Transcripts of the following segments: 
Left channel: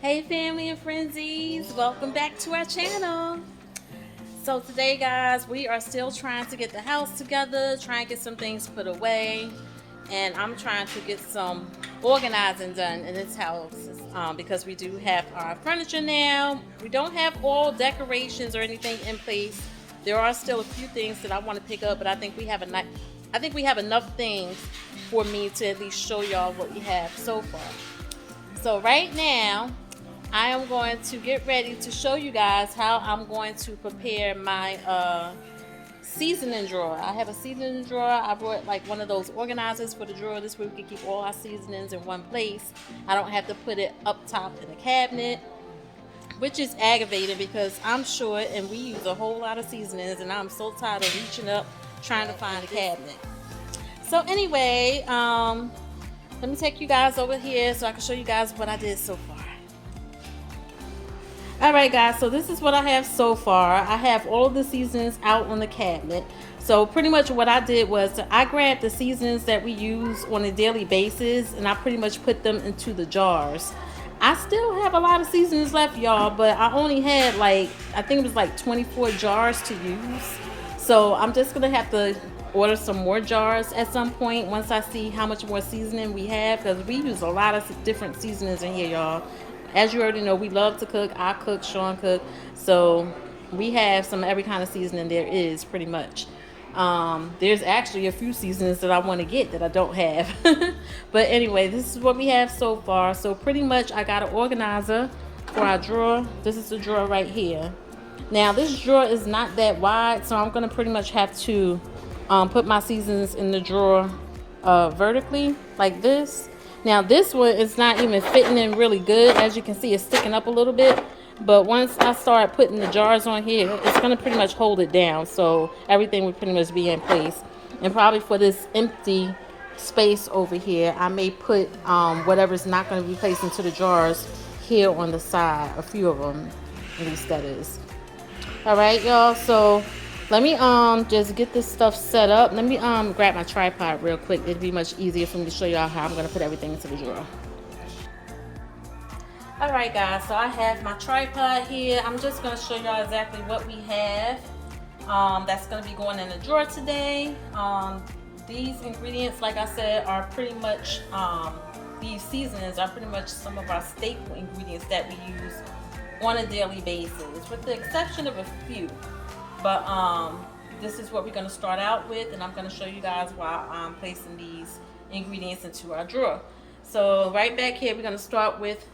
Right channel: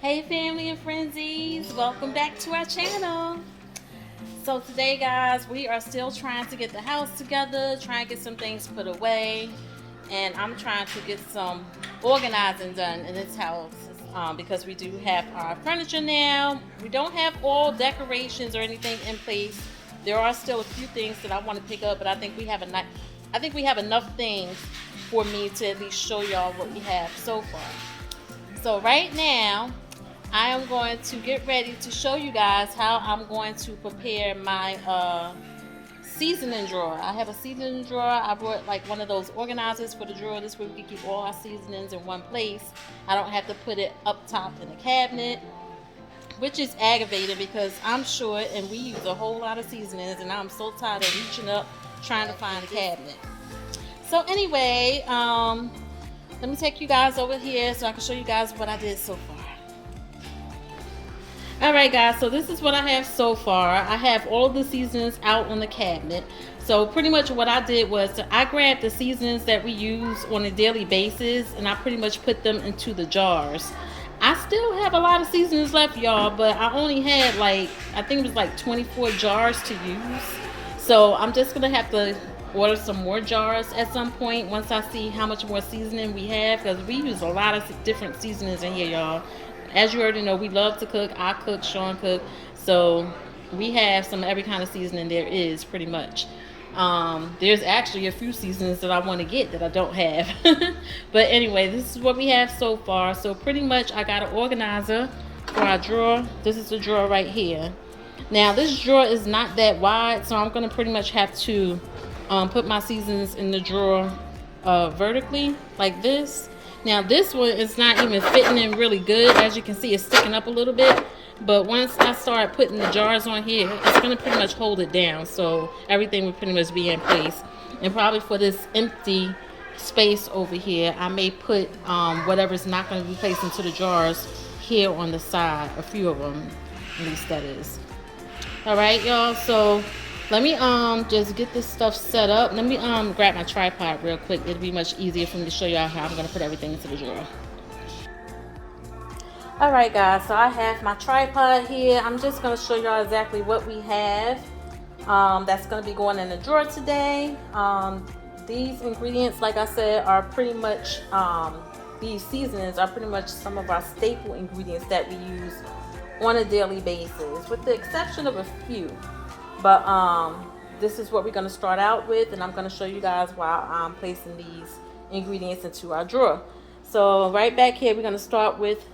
Hey family and frenzies, welcome back to our channel. So today guys, we are still trying to get the house together, trying to get some things put away, and I'm trying to get some organizing done in this house because we do have our furniture now. We don't have all decorations or anything in place. There are still a few things that I want to pick up, but I think we have enough things for me to at least show y'all what we have so far. So right now, I am going to get ready to show you guys how I'm going to prepare my seasoning drawer. I have a seasoning drawer. I brought like one of those organizers for the drawer. This way we can keep all our seasonings in one place. I don't have to put it up top in the cabinet, which is aggravating because I'm short and we use a whole lot of seasonings and I'm so tired of reaching up trying to find a cabinet. So anyway, let me take you guys over here so I can show you guys what I did so far. Alright guys, so this is what I have so far. I have all of the seasonings out on the cabinet. So pretty much what I did was I grabbed the seasonings that we use on a daily basis and I pretty much put them into the jars. I still have a lot of seasonings left, y'all, but I only had I think it was like 24 jars to use. So I'm just going to have to order some more jars at some point once I see how much more seasoning we have, because we use a lot of different seasonings in here, y'all. As you already know, we love to cook. I cook, Sean cook, so we have some every kind of seasoning there is pretty much. There's actually a few seasonings that I want to get that I don't have. But anyway, this is what we have so far. So pretty much I got an organizer for our drawer. This is the drawer right here. Now this drawer is not that wide, so I'm going to pretty much have to put my seasonings in the drawer vertically like this. Now this one is not even fitting in really good. As you can see, it's sticking up a little bit. But once I start putting the jars on here, it's going to pretty much hold it down. So everything will pretty much be in place. And probably for this empty space over here, I may put whatever's not going to be placed into the jars here on the side. A few of them, at least that is. Alright, y'all. So let me just get this stuff set up. Let me grab my tripod real quick. It'll be much easier for me to show y'all how I'm going to put everything into the drawer. Alright guys, so I have my tripod here. I'm just going to show y'all exactly what we have that's going to be going in the drawer today. These ingredients, like I said, are pretty much, these seasonings are pretty much some of our staple ingredients that we use on a daily basis, with the exception of a few. But this is what we're going to start out with, and I'm going to show you guys while I'm placing these ingredients into our drawer. So right back here, we're going to start with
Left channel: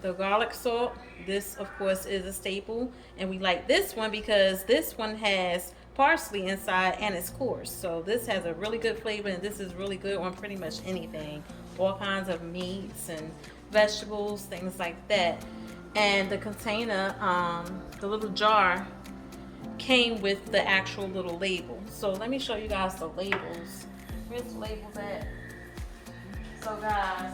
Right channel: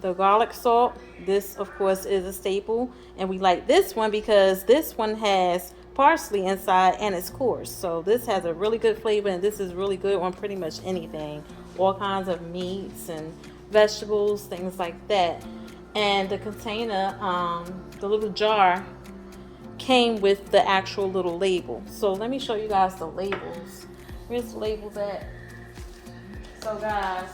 the garlic salt. This, of course, is a staple, and we like this one because this one has parsley inside and it's coarse. So this has a really good flavor, and this is really good on pretty much anything. All kinds of meats and vegetables, things like that. And the container, the little jar, came with the actual little label. So let me show you guys the labels. Where's the labels at? So guys,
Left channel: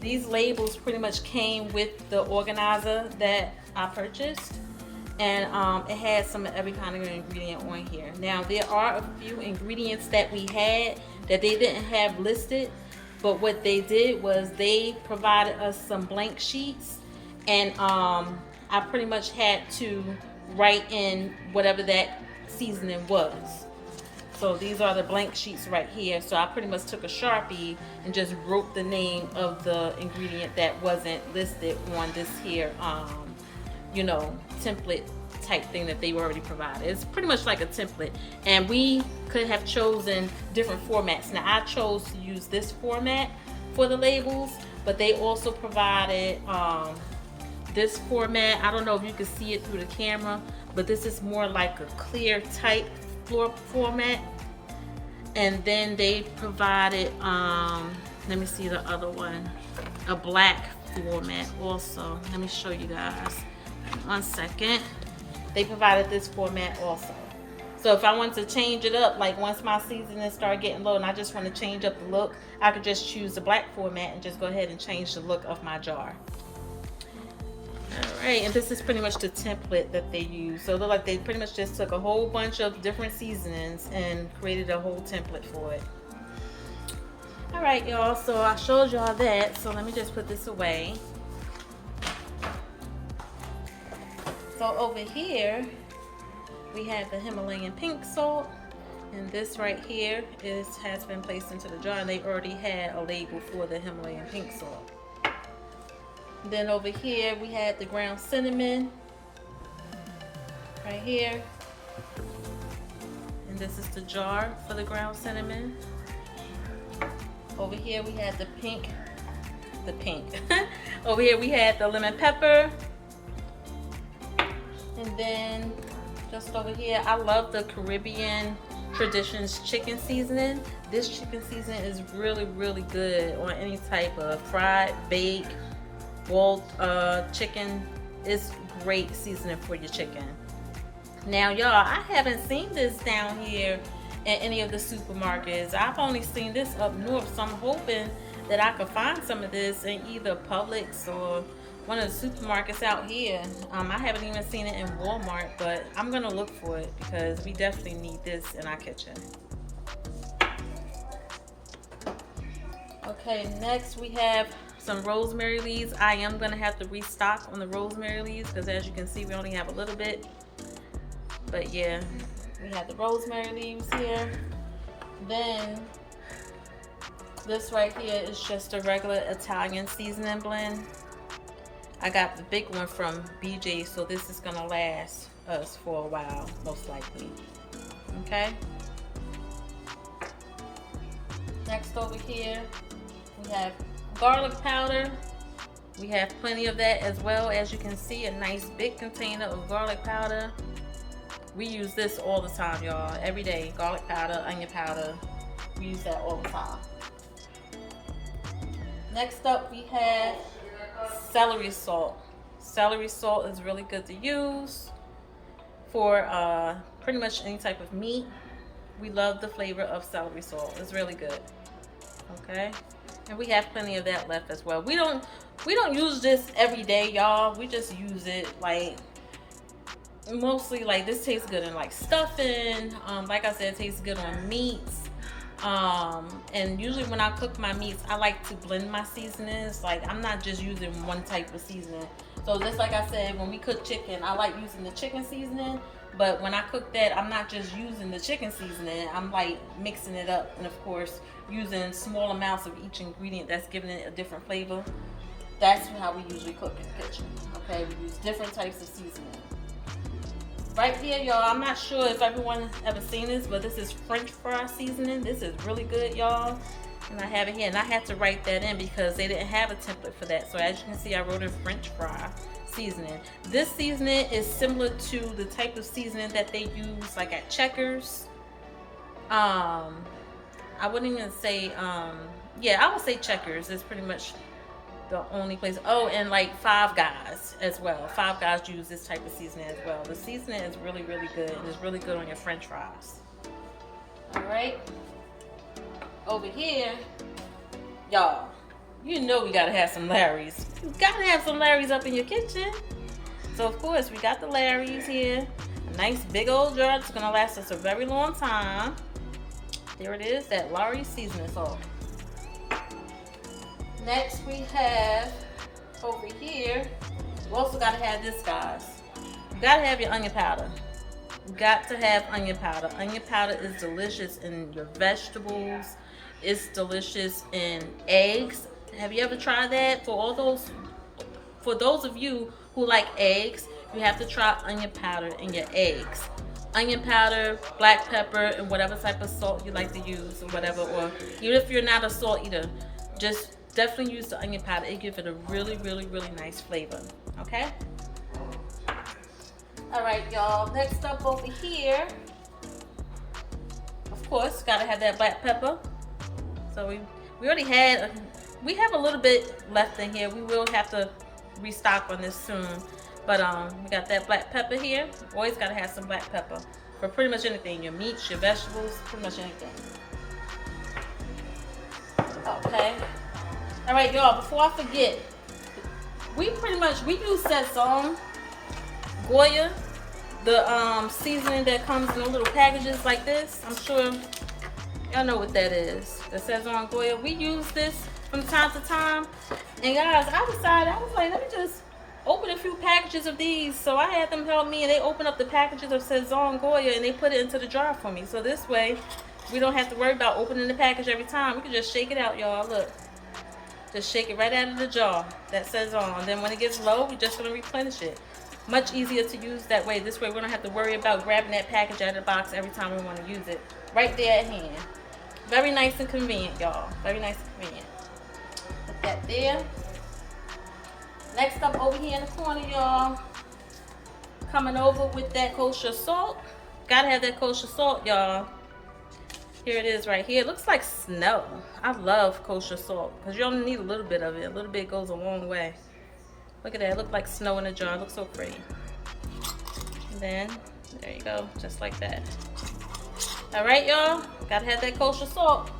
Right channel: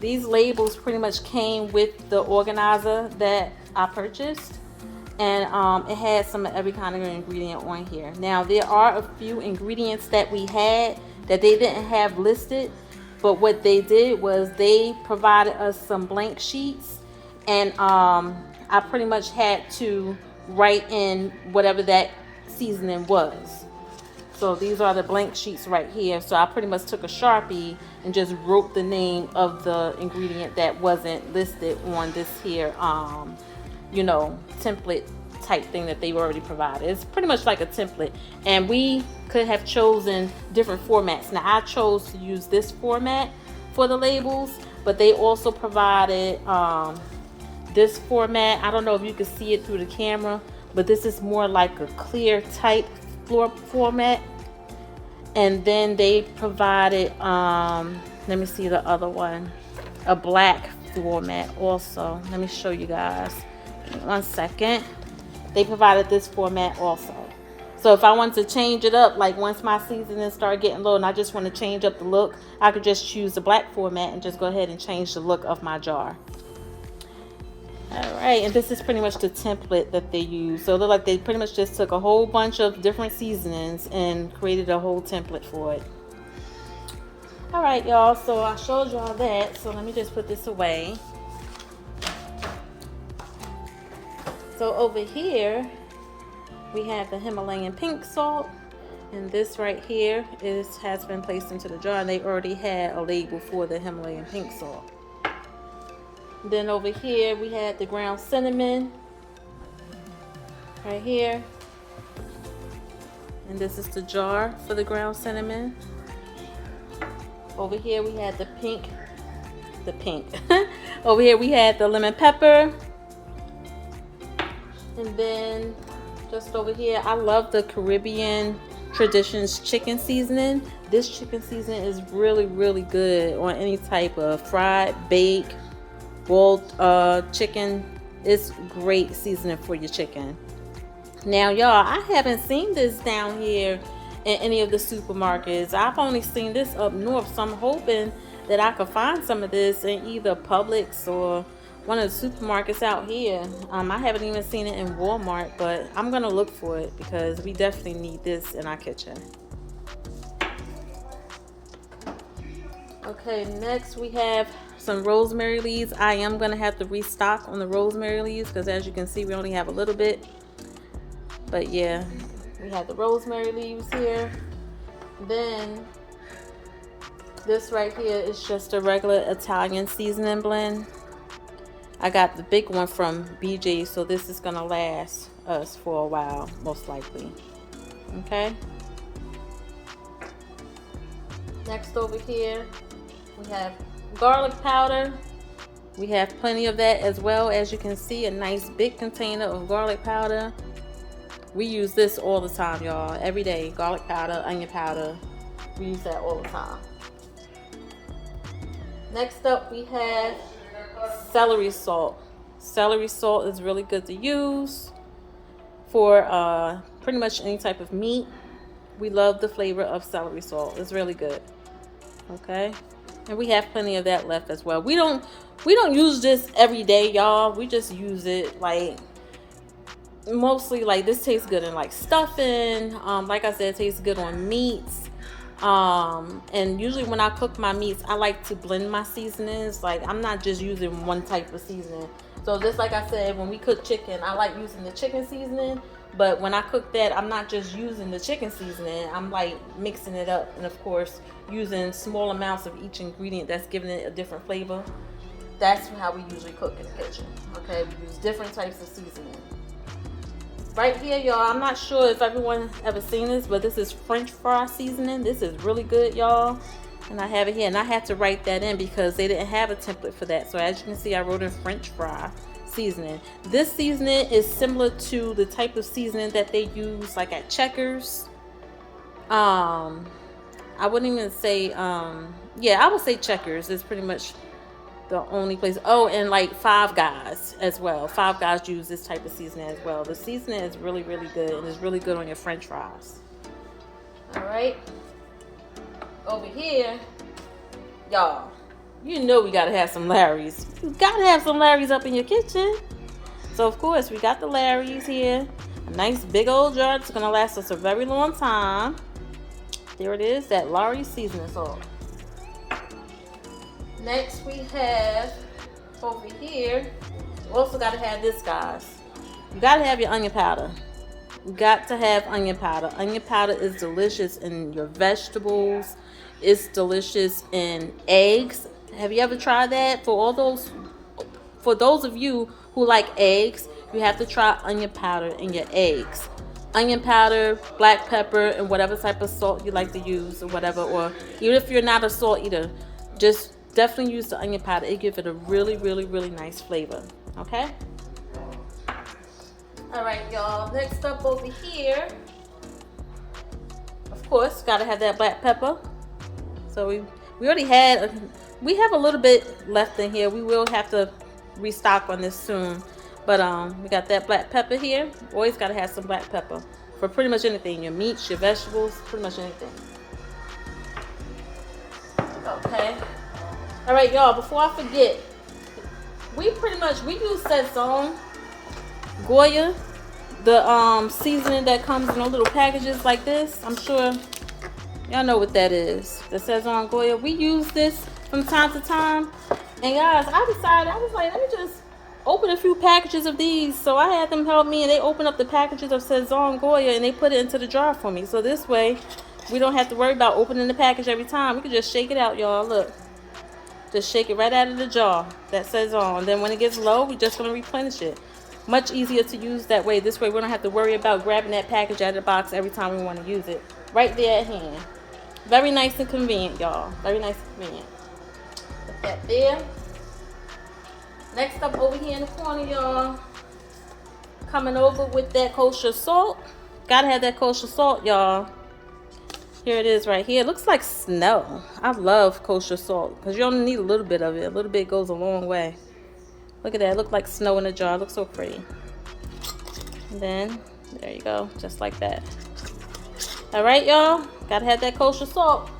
these labels pretty much came with the organizer that I purchased, and it had some of every kind of ingredient on here. Now there are a few ingredients that we had that they didn't have listed, but what they did was they provided us some blank sheets, and I pretty much had to write in whatever that seasoning was. So these are the blank sheets right here. So I pretty much took a Sharpie and just wrote the name of the ingredient that wasn't listed on this here you know, template type thing that they already provided. It's pretty much like a template, and we could have chosen different formats. Now I chose to use this format for the labels, but they also provided this format. I don't know if you can see it through the camera, but this is more like a clear type format. And then they provided let me see the other one, a black format also. Let me show you guys, 1 second. They provided this format also. So if I wanted to change it up, like once my seasonings start getting low and I just want to change up the look, I could just choose the black format and just go ahead and change the look of my jar. Alright, and this is pretty much the template that they use. So it looked like they pretty much just took a whole bunch of different seasonings and created a whole template for it. Alright y'all, so I showed y'all that, so let me just put this away. So over here, we have the Himalayan pink salt. And this right here has been placed into the jar, and they already had a label for the Himalayan pink salt. Then over here we had the ground cinnamon right here, and this is the jar for the ground cinnamon. Over here we had the pink. Over here we had the lemon pepper, and then just over here, I love the Caribbean Traditions chicken seasoning. This chicken seasoning is really, really good on any type of fried, baked, boiled chicken. It's great seasoning for your chicken. Now, y'all, I haven't seen this down here in any of the supermarkets. I've only seen this up north, so I'm hoping that I could find some of this in either Publix or one of the supermarkets out here. I haven't even seen it in Walmart, but I'm gonna look for it because we definitely need this in our kitchen. Okay, next we have some rosemary leaves. I am gonna have to restock on the rosemary leaves because as you can see, we only have a little bit. But yeah, we have the rosemary leaves here. Then this right here is just a regular Italian seasoning blend. I got the big one from BJ, so this is gonna last us for a while, most likely. Okay. Next over here, we have garlic powder. We have plenty of that as well. As you can see, a nice big container of garlic powder. We use this all the time, y'all. Every day, garlic powder, onion powder. We use that all the time. Next up, we have celery salt. Celery salt is really good to use for pretty much any type of meat. We love the flavor of celery salt. It's really good. Okay, and we have plenty of that left as well. We don't use this every day, y'all. We just use it like mostly like this tastes good in like stuffing. Like I said, it tastes good on meats. And usually when I cook my meats, I like to blend my seasonings. Like I'm not just using one type of seasoning. So just like I said, when we cook chicken, I like using the chicken seasoning. But when I cook that, I'm not just using the chicken seasoning. I'm like mixing it up. And of course, using small amounts of each ingredient that's giving it a different flavor. That's how we usually cook in the kitchen. Okay, we use different types of seasoning. Right here, y'all, I'm not sure if everyone ever seen this, but this is French fry seasoning. This is really good, y'all. And I have it here, and I had to write that in because they didn't have a template for that. So as you can see, I wrote in French fry seasoning. This seasoning is similar to the type of seasoning that they use like at Checkers. I wouldn't even say, yeah, I would say Checkers is pretty much the only place. Oh, and like Five Guys as well. Five Guys use this type of seasoning as well. The seasoning is really, really good, and it's really good on your French fries. All right. Over here, y'all, you know we gotta have some Larry's. You gotta have some Larry's up in your kitchen. So of course we got the Larry's here. A nice big old jar that's gonna last us a very long time. There it is, that Larry's seasoning salt. Next we have over here, you also gotta have this, guys. You gotta have your onion powder. You got to have onion powder. Onion powder is delicious in your vegetables. It's delicious in eggs. Have you ever tried that? For those of you who like eggs, you have to try onion powder in your eggs. Onion powder, black pepper, and whatever type of salt you like to use or whatever. Or even if you're not a salt eater, just definitely use the onion powder. It gives it a really, really, really nice flavor. Okay? All right, y'all. Next up over here, of course, gotta have that black pepper. So we already we have a little bit left in here. We will have to restock on this soon. But we got that black pepper here. Always gotta have some black pepper for pretty much anything. Your meats, your vegetables, pretty much anything. Okay. All right, y'all, before I forget, we use Sazon Goya, the seasoning that comes in little packages like this. I'm sure y'all know what that is. The Sazon Goya. We use this from time to time. And guys, I decided, I was like, let me just open a few packages of these. So I had them help me, and they open up the packages of Sazon Goya and they put it into the jar for me. So this way we don't have to worry about opening the package every time. We can just shake it out, y'all. Look, just shake it right out of the jar that Sazon. And then when it gets low, we just gonna replenish it. Much easier to use that way. This way we don't have to worry about grabbing that package out of the box every time we want to use it. Right there at hand. Very nice and convenient, y'all. Very nice and convenient. Put that there. Next up over here in the corner, y'all. Coming over with that kosher salt. Gotta have that kosher salt, y'all. Here it is right here. It looks like snow. I love kosher salt because you only need a little bit of it. A little bit goes a long way. Look at that. It looks like snow in a jar. It looks so pretty. And then, there you go. Just like that. Alright, y'all. Gotta have that kosher salt.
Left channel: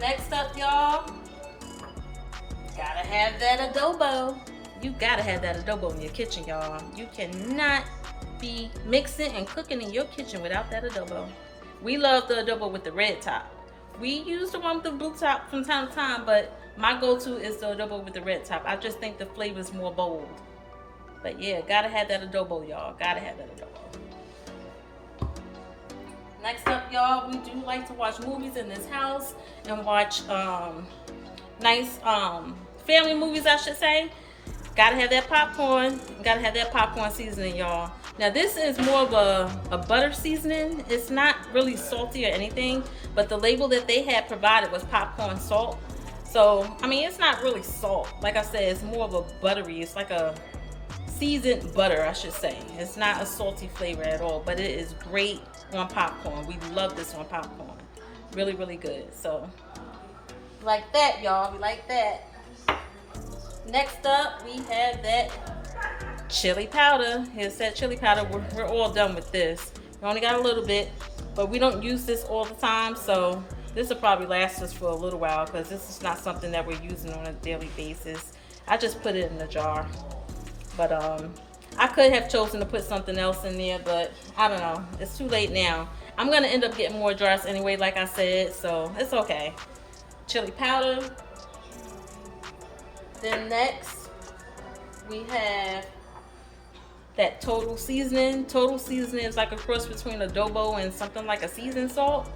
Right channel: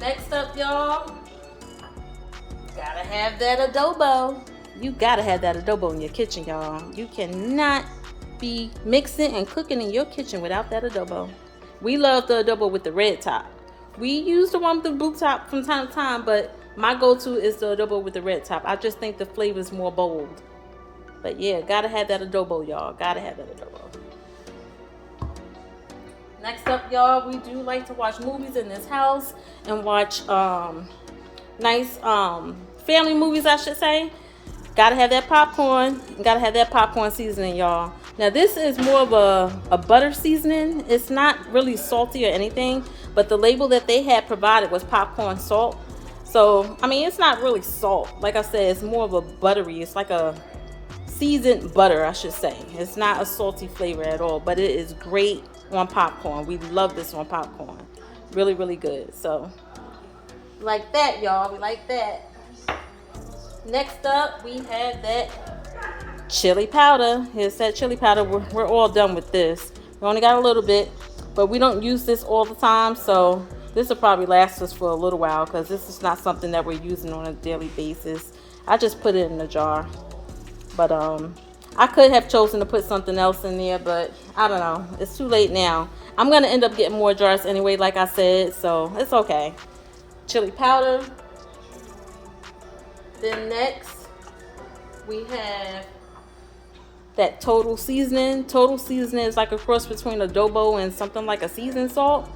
Next up, y'all. Gotta have that adobo. You gotta have that adobo in your kitchen, y'all. You cannot be mixing and cooking in your kitchen without that adobo. We love the adobo with the red top. We use the one with the blue top from time to time, but my go-to is the adobo with the red top. I just think the flavor is more bold. But yeah, gotta have that adobo, y'all. Gotta have that adobo. Next up, y'all, we do like to watch movies in this house and watch nice family movies, I should say. Gotta have that popcorn. Gotta have that popcorn seasoning, y'all. Now this is more of a butter seasoning. It's not really salty or anything, but the label that they had provided was popcorn salt. So, I mean, it's not really salt. Like I said, it's more of a buttery. It's like a seasoned butter, I should say. It's not a salty flavor at all, but it is great on popcorn. We love this on popcorn. Really, really good. So, like that, y'all. Like that. Next up, we have that chili powder. Here's that chili powder. We're all done with this. We only got a little bit, but we don't use this all the time, so this will probably last us for a little while because this is not something that we're using on a daily basis. I just put it in the jar, but I could have chosen to put something else in there, but I don't know. It's too late now. I'm gonna end up getting more jars anyway, like I said, so it's okay. Chili powder. Then next, we have that total seasoning. Total seasoning is like a cross between adobo and something like a seasoned salt.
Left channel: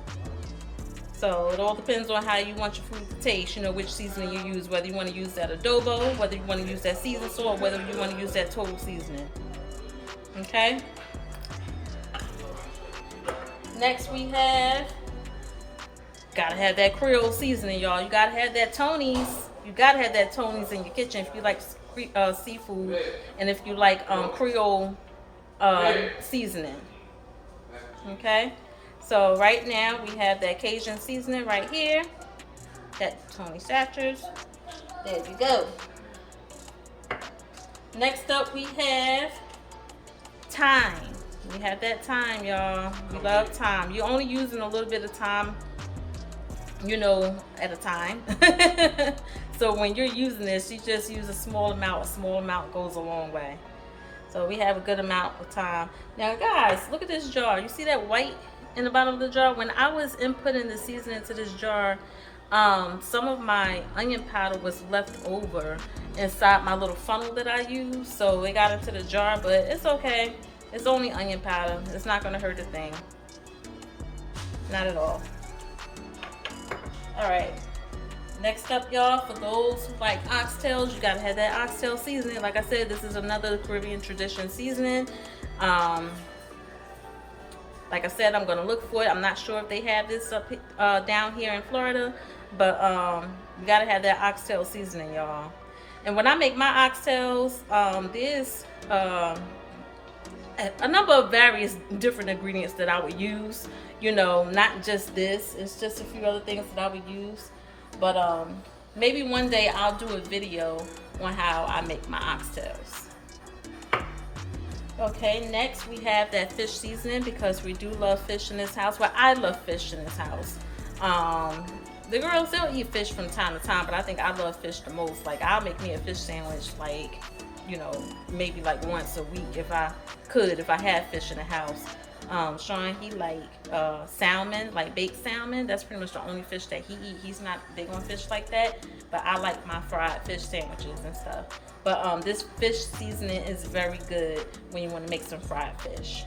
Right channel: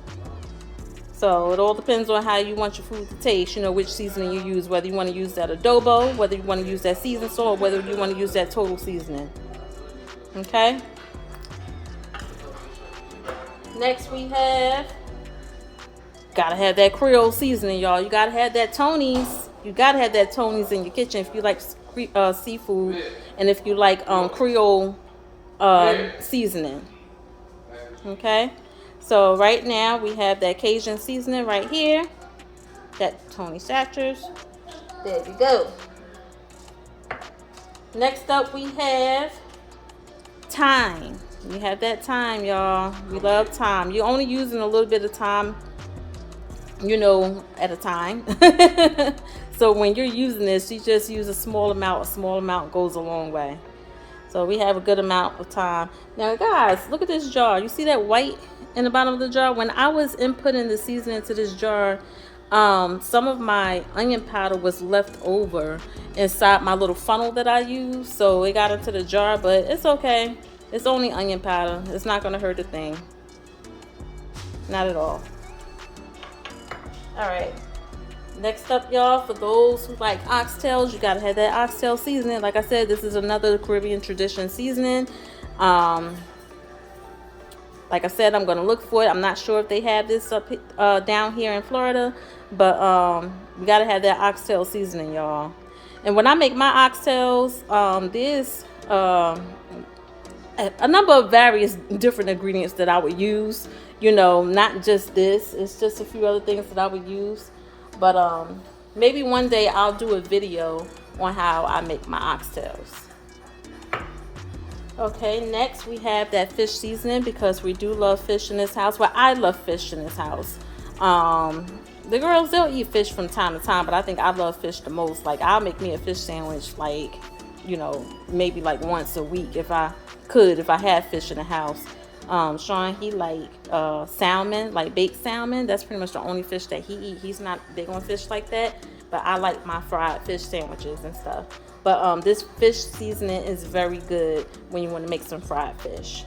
So it all depends on how you want your food to taste, you know, which seasoning you use, whether you want to use that adobo, whether you want to use that seasoned salt, or whether you want to use that total seasoning. Okay? Next we have, gotta have that Creole seasoning, y'all. You gotta have that Tony's. You gotta have that Tony's in your kitchen if you like seafood and if you like Creole seasoning. Okay? So right now we have that Cajun seasoning right here. That Tony Satchers. There we go. Next up we have thyme. We have that thyme, y'all. We love thyme. You're only using a little bit of thyme, you know, at a time. So when you're using this, you just use a small amount. A small amount goes a long way. So we have a good amount of thyme. Now guys, look at this jar. You see that white in the bottom of the jar? When I was inputting the seasoning into this jar, some of my onion powder was left over inside my little funnel that I use. So it got into the jar, but it's okay. It's only onion powder. It's not gonna hurt a thing. Not at all. All right. Next up, y'all, for those who like oxtails, you gotta have that oxtail seasoning. Like I said, this is another Caribbean tradition seasoning. Like I said, I'm gonna look for it. I'm not sure if they have this up down here in Florida, but you gotta have that oxtail seasoning, y'all. And when I make my oxtails, there's a number of various different ingredients that I would use. You know, not just this. It's just a few other things that I would use. But maybe one day I'll do a video on how I make my oxtails. Okay, next we have that fish seasoning because we do love fish in this house. Well, I love fish in this house. The girls, they'll eat fish from time to time, but I think I love fish the most. Like, I'll make me a fish sandwich, like, you know, maybe like once a week if I could, if I had fish in the house. Sean, he like salmon, like baked salmon. That's pretty much the only fish that he eats. He's not big on fish like that. but I like my fried fish sandwiches and stuff. But this fish seasoning is very good when you want to make some fried fish.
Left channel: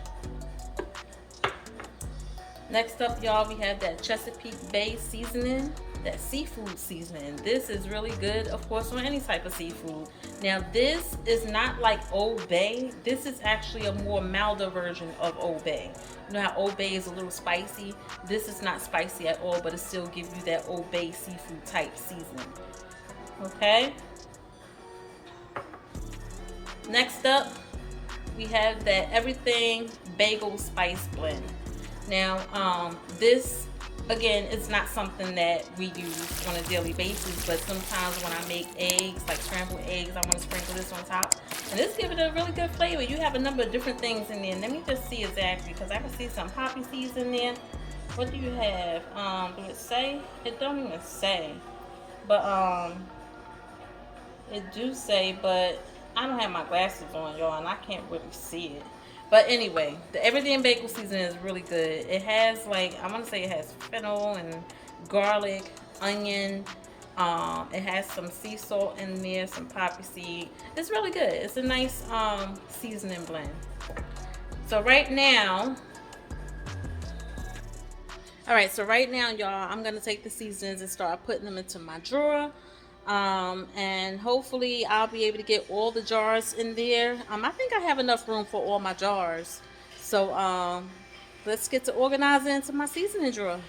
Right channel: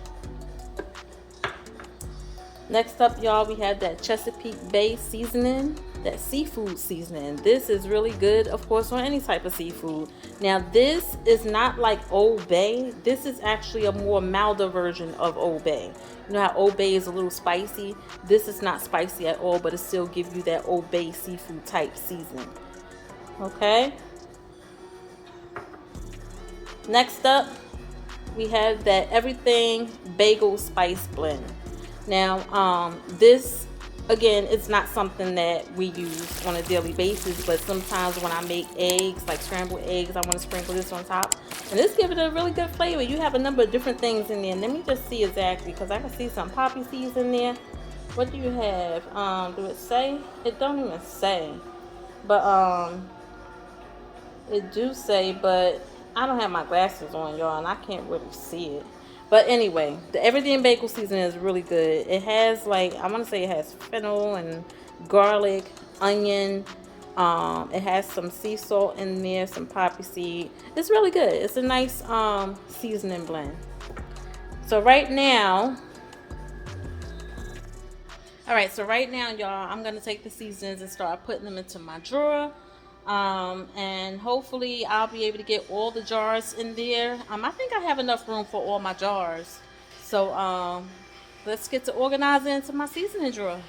Next up, y'all, we have that Chesapeake Bay seasoning, that seafood seasoning. This is really good, of course, on any type of seafood. Now, this is not like Old Bay. This is actually a more milder version of Old Bay. You know how Old Bay is a little spicy? This is not spicy at all, but it still gives you that Old Bay seafood type seasoning. Okay? Next up, we have that Everything Bagel Spice Blend. Now, this, again, it's not something that we use on a daily basis, but sometimes when I make eggs, like scrambled eggs, I want to sprinkle this on top. And this gives it a really good flavor. You have a number of different things in there. Let me just see exactly, because I can see some poppy seeds in there. What do you have? Do it say? It don't even say. But, it do say, but I don't have my glasses on, y'all, and I can't really see it. But anyway, the Everything Bagel seasoning is really good. It has, like, I want to say it has fennel and garlic, onion. It has some sea salt in there, some poppy seed. It's really good. It's a nice seasoning blend. So right now, y'all, I'm going to take the seasonings and start putting them into my drawer. And hopefully I'll be able to get all the jars in there. I think I have enough room for all my jars. So let's get to organizing into my seasoning drawer.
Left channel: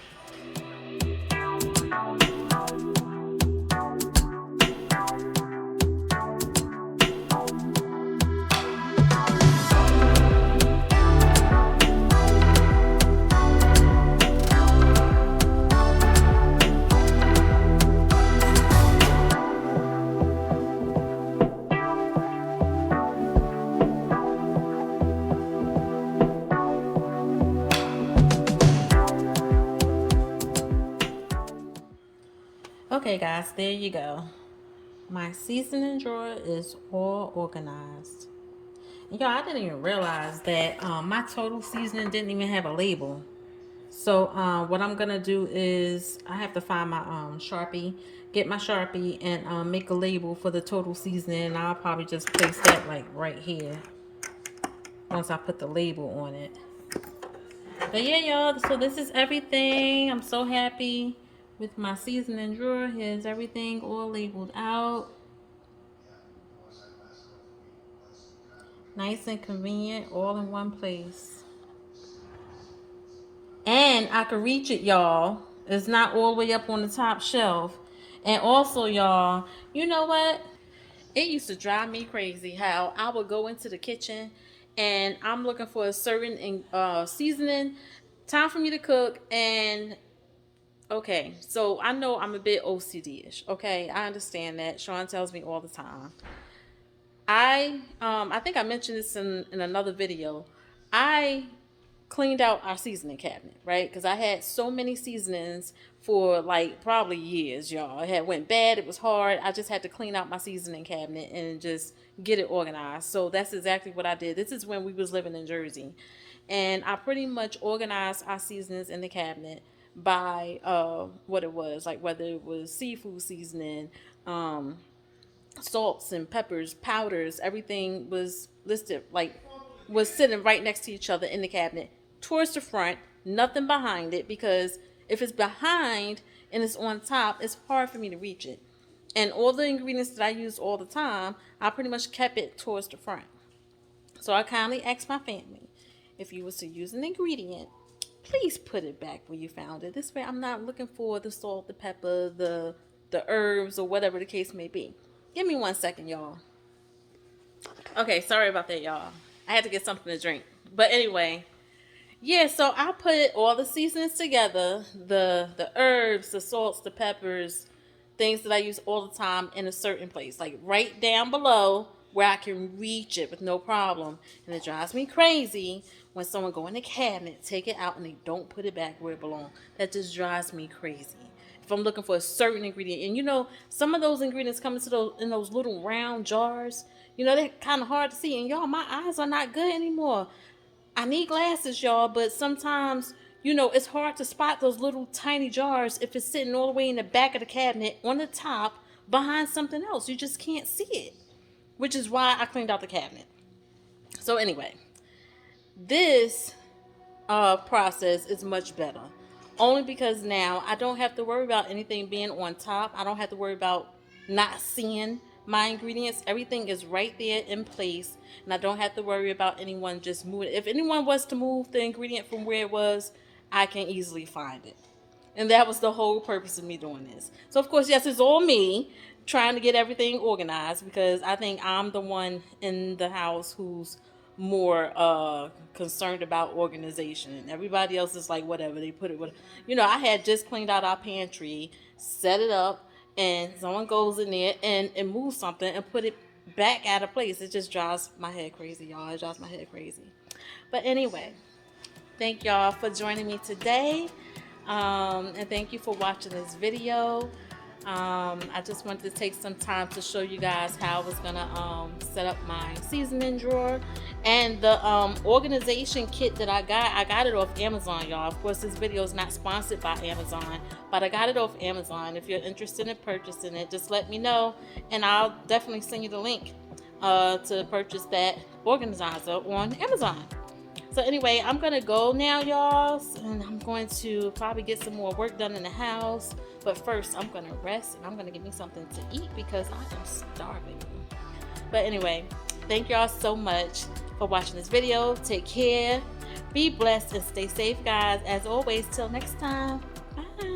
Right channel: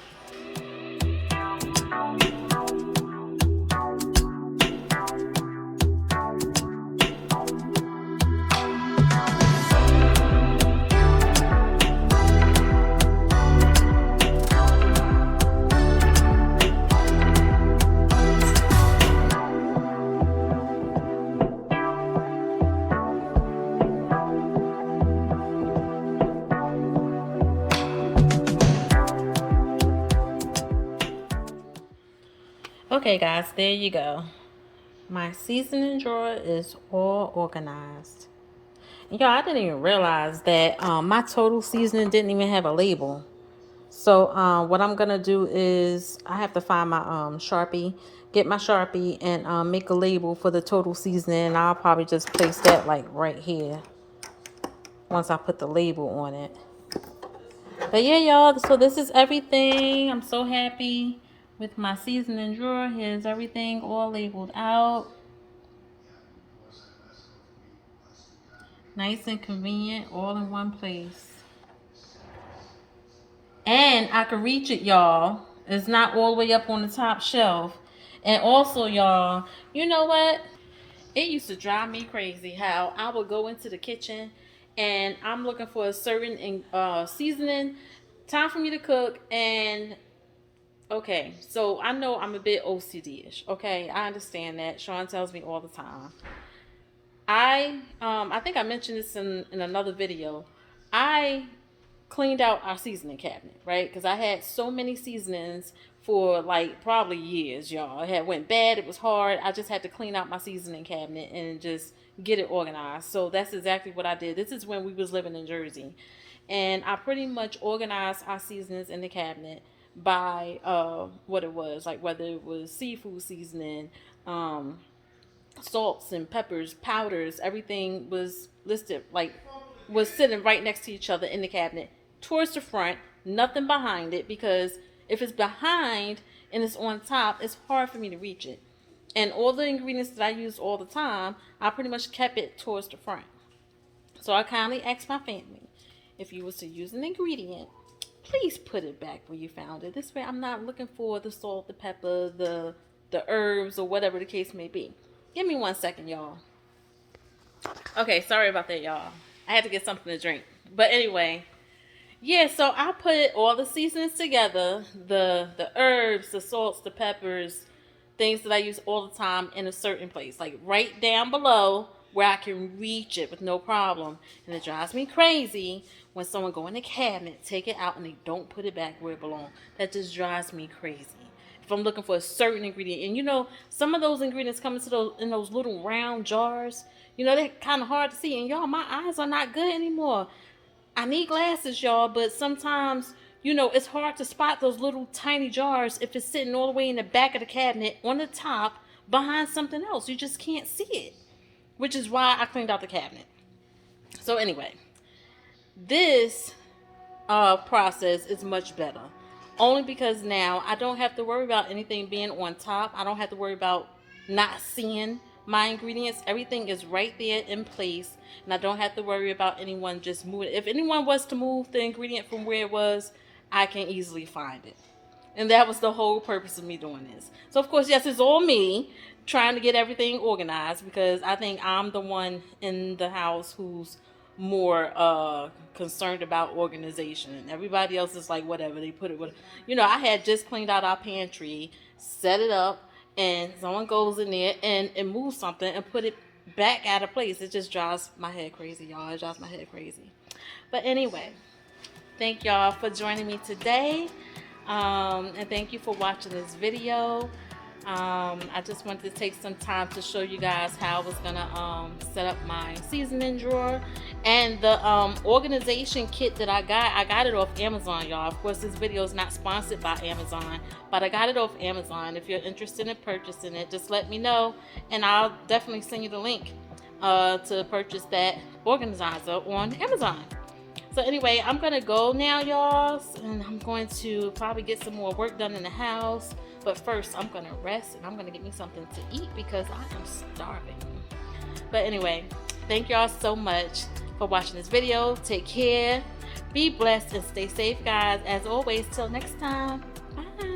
Okay guys, there you go. My seasoning drawer is all organized. Y'all, I didn't even realize that my total seasoning didn't even have a label. So what I'm gonna do is I have to find my Sharpie, get my Sharpie, and make a label for the total seasoning. And I'll probably just place that like right here once I put the label on it. But yeah, y'all, so this is everything. I'm so happy with my seasoning drawer. Here's everything all labeled out. Nice and convenient, all in one place. And I can reach it, y'all. It's not all the way up on the top shelf. And also, y'all, you know what? It used to drive me crazy how I would go into the kitchen and I'm looking for a certain seasoning, time for me to cook, and okay, so I know I'm a bit OCD-ish. Okay, I understand that. Sean tells me all the time. I think I mentioned this in another video. I cleaned out our seasoning cabinet, right? Because I had so many seasonings for like probably years, y'all. It had went bad. It was hard. I just had to clean out my seasoning cabinet and just get it organized. So that's exactly what I did. This is when we was living in Jersey, and I pretty much organized our seasonings in the cabinet by what it was, like whether it was seafood seasoning, salts and peppers, powders, everything was listed, like was sitting right next to each other in the cabinet towards the front, nothing behind it, because if it's behind and it's on top, it's hard for me to reach it. And all the ingredients that I use all the time, I pretty much kept it towards the front. So I kindly asked my family, if you was to use an ingredient, please put it back where you found it. This way I'm not looking for the salt, the pepper, the herbs, or whatever the case may be. Give me 1 second, y'all. Okay, sorry about that, y'all. I had to get something to drink. But anyway, yeah, so I put all the seasonings together, the herbs, the salts, the peppers, things that I use all the time, in a certain place, like right down below where I can reach it with no problem. And it drives me crazy when someone go in the cabinet, take it out, and they don't put it back where it belongs. That just drives me crazy. If I'm looking for a certain ingredient, and you know, some of those ingredients come into those little round jars. You know, they're kind of hard to see. And y'all, my eyes are not good anymore. I need glasses, y'all, but sometimes, you know, it's hard to spot those little tiny jars if it's sitting all the way in the back of the cabinet on the top, behind something else. You just can't see it, which is why I cleaned out the cabinet. So anyway, this process is much better. Only because now I don't have to worry about anything being on top. I don't have to worry about not seeing my ingredients. Everything is right there in place, and I don't have to worry about anyone just moving. If anyone was to move the ingredient from where it was, I can easily find it. And that was the whole purpose of me doing this. So of course, yes, it's all me trying to get everything organized, because I think I'm the one in the house who's more concerned about organization. Everybody else is like whatever, they put it with, I had just cleaned out our pantry, set it up, and someone goes in there and moves something and put it back out of place. It just drives my head crazy, y'all. It drives my head crazy. But anyway, thank y'all for joining me today, and thank you for watching this video. I just wanted to take some time to show you guys how I was gonna set up my seasoning drawer. And the organization kit that I got it off Amazon, y'all. Of course, this video is not sponsored by Amazon, but I got it off Amazon. If you're interested in purchasing it, just let me know, and I'll definitely send you the link to purchase that organizer on Amazon. So anyway, I'm gonna go now, y'all, and I'm going to probably get some more work done in the house. But first, I'm gonna rest, and I'm gonna get me something to eat because I am starving. But anyway, thank y'all so much for watching this video. Take care, be blessed, and stay safe, guys. As always, till next time, bye.